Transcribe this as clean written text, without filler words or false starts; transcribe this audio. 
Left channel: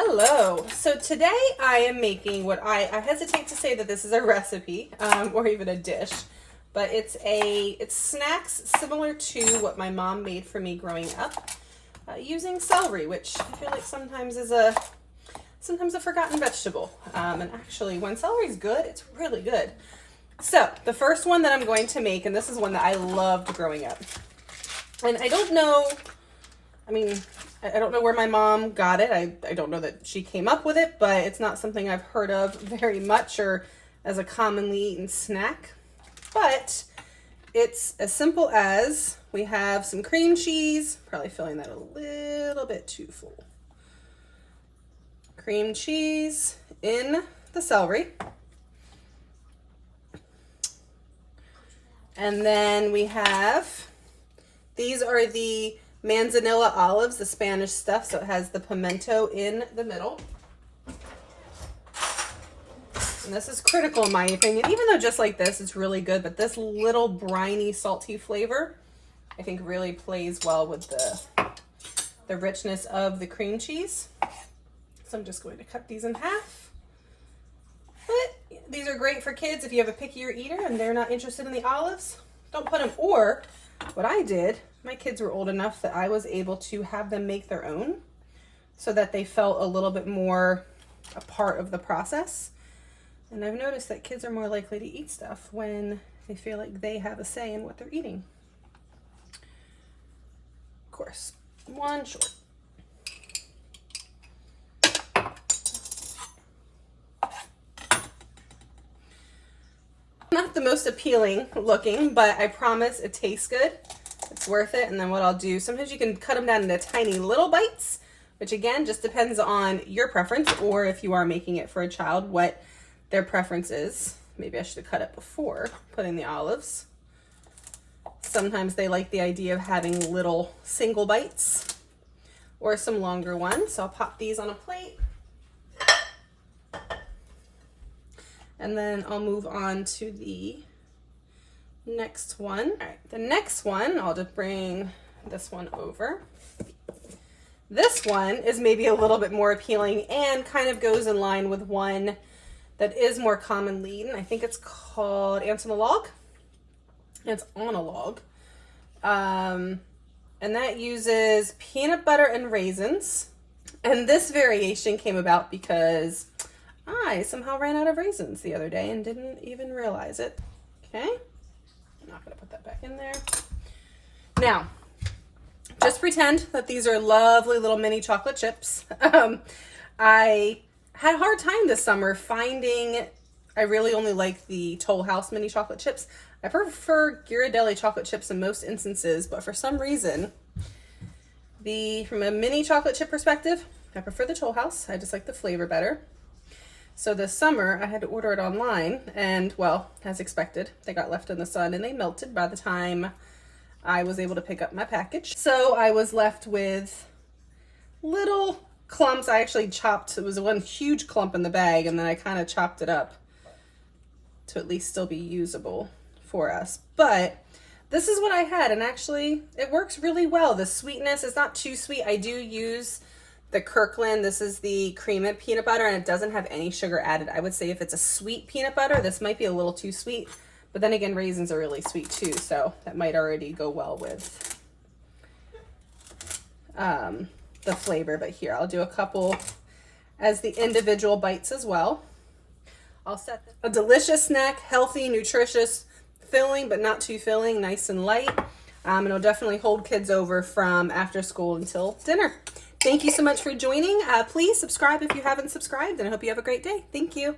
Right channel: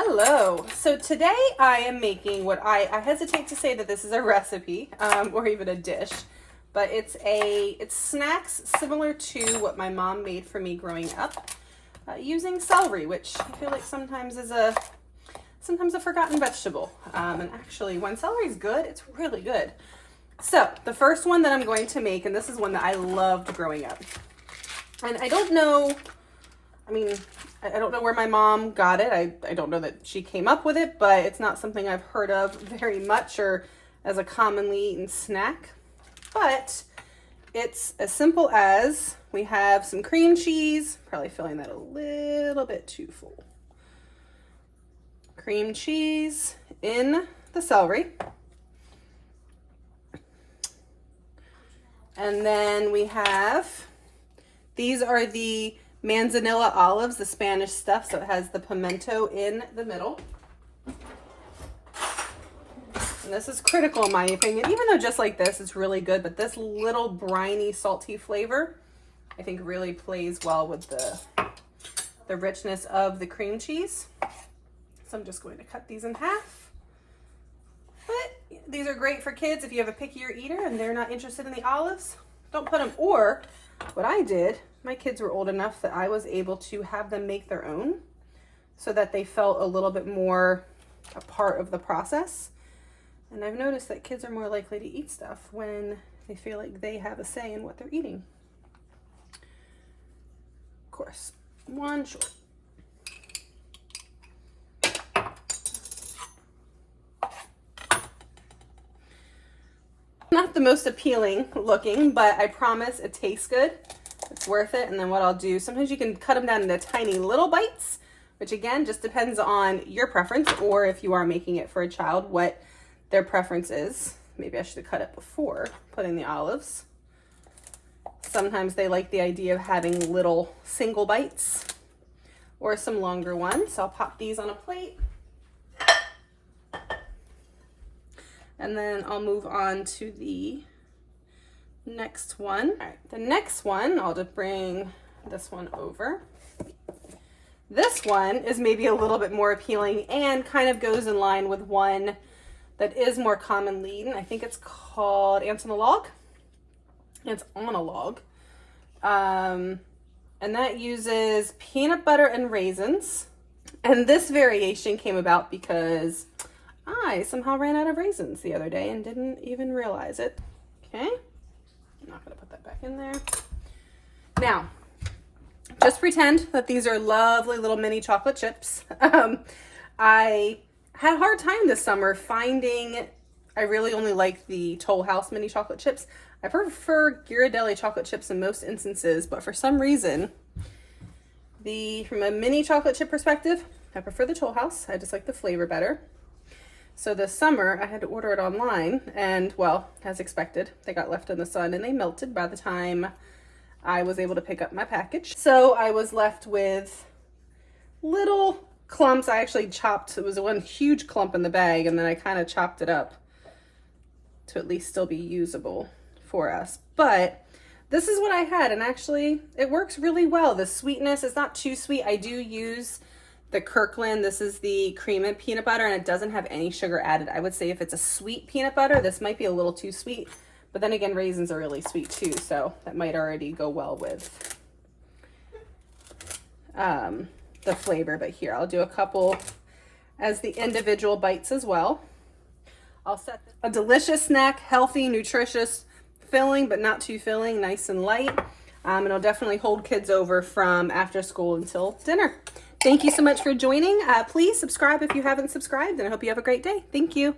Hello. So today I am making what I hesitate to say that this is a recipe or even a dish, but it's snacks similar to what my mom made for me growing up using celery, which I feel like sometimes is a forgotten vegetable. And actually, when celery is good, it's really good. So the first one that I'm going to make, and this is one that I loved growing up, and I don't know where my mom got it. I don't know that she came up with it, but it's not something I've heard of very much or as a commonly eaten snack. But it's as simple as we have some cream cheese, probably filling that a little bit too full. Cream cheese in the celery. And then we have, these are the manzanilla olives, the Spanish stuff, so it has the pimento in the middle. And this is critical in my opinion, even though just like this, it's really good, but this little briny, salty flavor, I think really plays well with the richness of the cream cheese. So I'm just going to cut these in half. But these are great for kids if you have a pickier eater and they're not interested in the olives. Don't put them, or what I did, my kids were old enough that I was able to have them make their own so that they felt a little bit more a part of the process. And I've noticed that kids are more likely to eat stuff when they feel like they have a say in what they're eating. Of course, one short. Not the most appealing looking, but I promise it tastes good. It's worth it. And then what I'll do, sometimes you can cut them down into tiny little bites, which again, just depends on your preference, or if you are making it for a child, what their preference is. Maybe I should have cut it before putting the olives. Sometimes they like the idea of having little single bites or some longer ones. So I'll pop these on a plate. And then I'll move on to the next one. All right, the next one, I'll just bring this one over. This one is maybe a little bit more appealing and kind of goes in line with one that is more commonly eaten. I think it's called Ants on a Log. It's on a log. And that uses peanut butter and raisins. And this variation came about because I somehow ran out of raisins the other day and didn't even realize it. Okay, I'm not gonna put that back in there. Now, just pretend that these are lovely little mini chocolate chips. I had a hard time this summer finding, I really only like the Toll House mini chocolate chips. I prefer Ghirardelli chocolate chips in most instances, but for some reason, from a mini chocolate chip perspective, I prefer the Toll House. I just like the flavor better. So this summer I had to order it online, and well, as expected, they got left in the sun and they melted by the time I was able to pick up my package. So I was left with little clumps. I actually chopped, it was one huge clump in the bag, and then I kind of chopped it up to at least still be usable for us. But this is what I had, and actually it works really well. The sweetness is not too sweet. I do use the Kirkland, this is the cream and peanut butter, and it doesn't have any sugar added. I would say if it's a sweet peanut butter, this might be a little too sweet, but then again, raisins are really sweet too, so that might already go well with the flavor. But here, I'll do a couple as the individual bites as well. I'll set a delicious snack, healthy, nutritious, filling, but not too filling, nice and light. And it'll definitely hold kids over from after school until dinner. Thank you so much for joining. Please subscribe if you haven't subscribed, and I hope you have a great day. Thank you.